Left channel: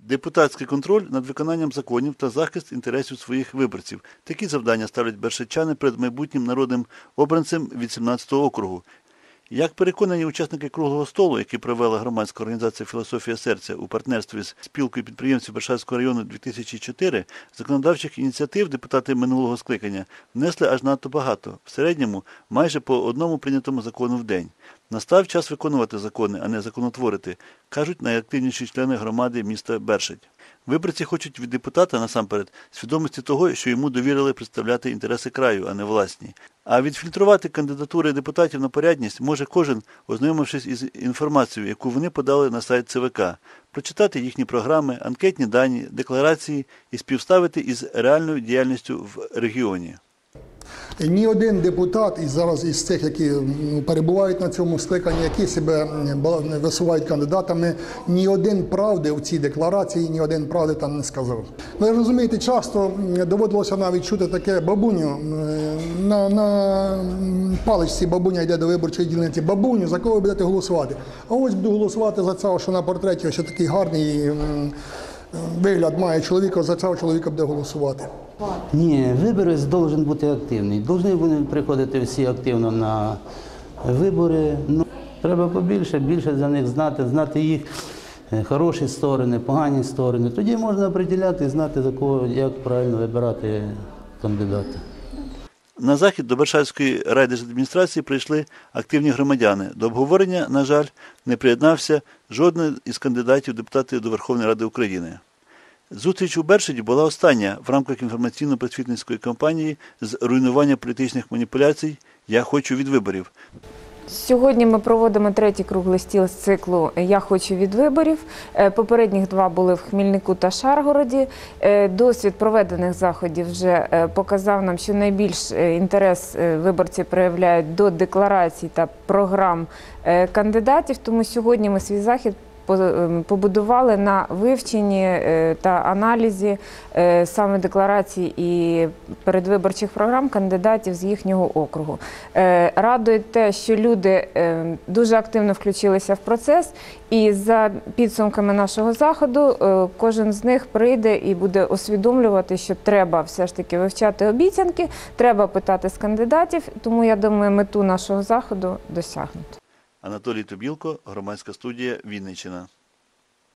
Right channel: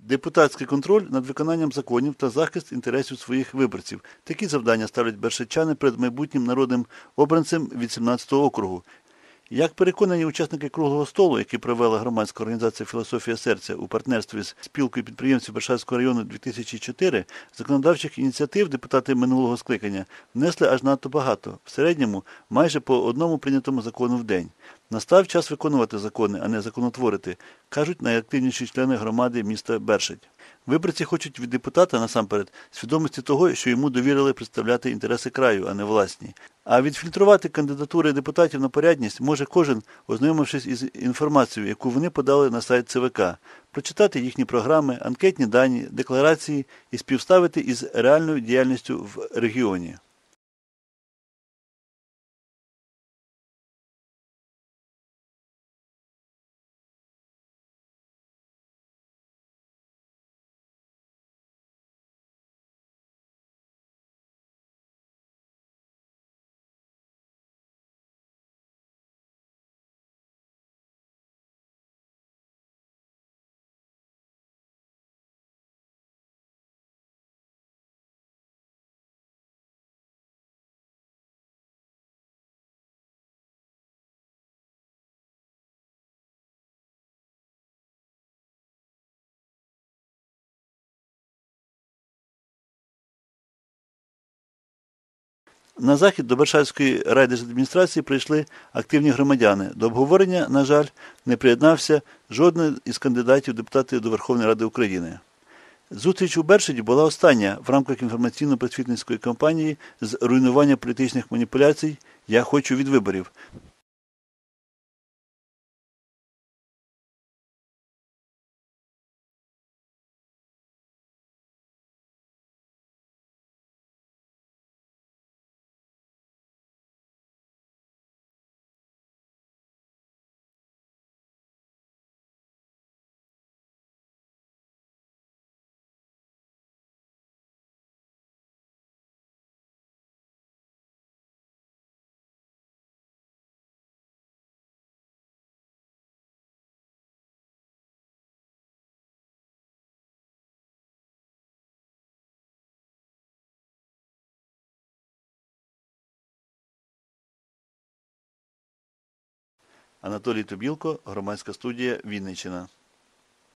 Депутатський контроль над виконанням законів та захист інтересів своїх виборців. Такі завдання ставлять бершичани перед майбутнім народним обранцем від 17-го округу. Як переконані учасники круглого столу, який провела громадська організація Філософія серця у партнерстві з спілкою підприємців Бершавського району 2004, законодавчих ініціатив депутати минулого скликання внесли аж надто багато, в середньому майже по одному прийнятому закону в день. Настав час виконувати закони, а не законотворити, кажуть найактивніші члени громади міста Бершить. Виборці хочуть від депутата насамперед свідомості того, що йому довірили представляти інтереси краю, а не власні. А відфільтрувати кандидатури депутатів на порядність може кожен, ознайомившись із інформацією, яку вони подали на сайт ЦВК, прочитати їхні програми, анкетні дані, декларації і співставити із реальною діяльністю в регіоні. Ні один депутат із зараз із тих, які перебувають на цьому скликанні, які себе висувають кандидатами, ні один правди в цій декларації, ні один правди там не сказав. Ви розумієте, часто доводилося навіть чути таке бабуню на, на паличці бабуня йде до виборчої дільниці. Бабуню, за кого будете голосувати? А ось буду голосувати за цього, що на портреті ось такий гарний вигляд має чоловіка, за цього чоловіка буде голосувати. Ні, виборець должен бути активний. Должны вони приходити всі активно на вибори. Ну, треба побільше, більше за них знати, знати їх е, хороші сторони, погані сторони. Тоді можна приділяти і знати, за кого, як правильно вибирати кандидата. На захід до Бершавської райдержадміністрації прийшли активні громадяни. До обговорення, на жаль, не приєднався жоден із кандидатів депутатів до Верховної Ради України. Зустріч у Бершаді була остання в рамках інформаційно-просвітницької кампанії з руйнування політичних маніпуляцій Я хочу від виборів. Сьогодні ми проводимо третій круглий стіл з циклу Я хочу від виборів. Е, Попередніх два були в Хмільнику та Шаргороді. Е, Досвід проведених заходів вже е, показав нам, що найбільш інтерес виборці проявляють до декларацій та програм кандидатів. Тому сьогодні ми свій захід побудували на вивченні е, та аналізі е, саме декларацій і передвиборчих програм кандидатів з їхнього округу. Е, Радує те, що люди дуже активно включилися в процес, і за підсумками нашого заходу кожен з них прийде і буде усвідомлювати, що треба все ж таки вивчати обіцянки, треба питати з кандидатів. Тому я думаю, мету нашого заходу досягнуто. Анатолій Тобілко, громадська студія Вінниччина.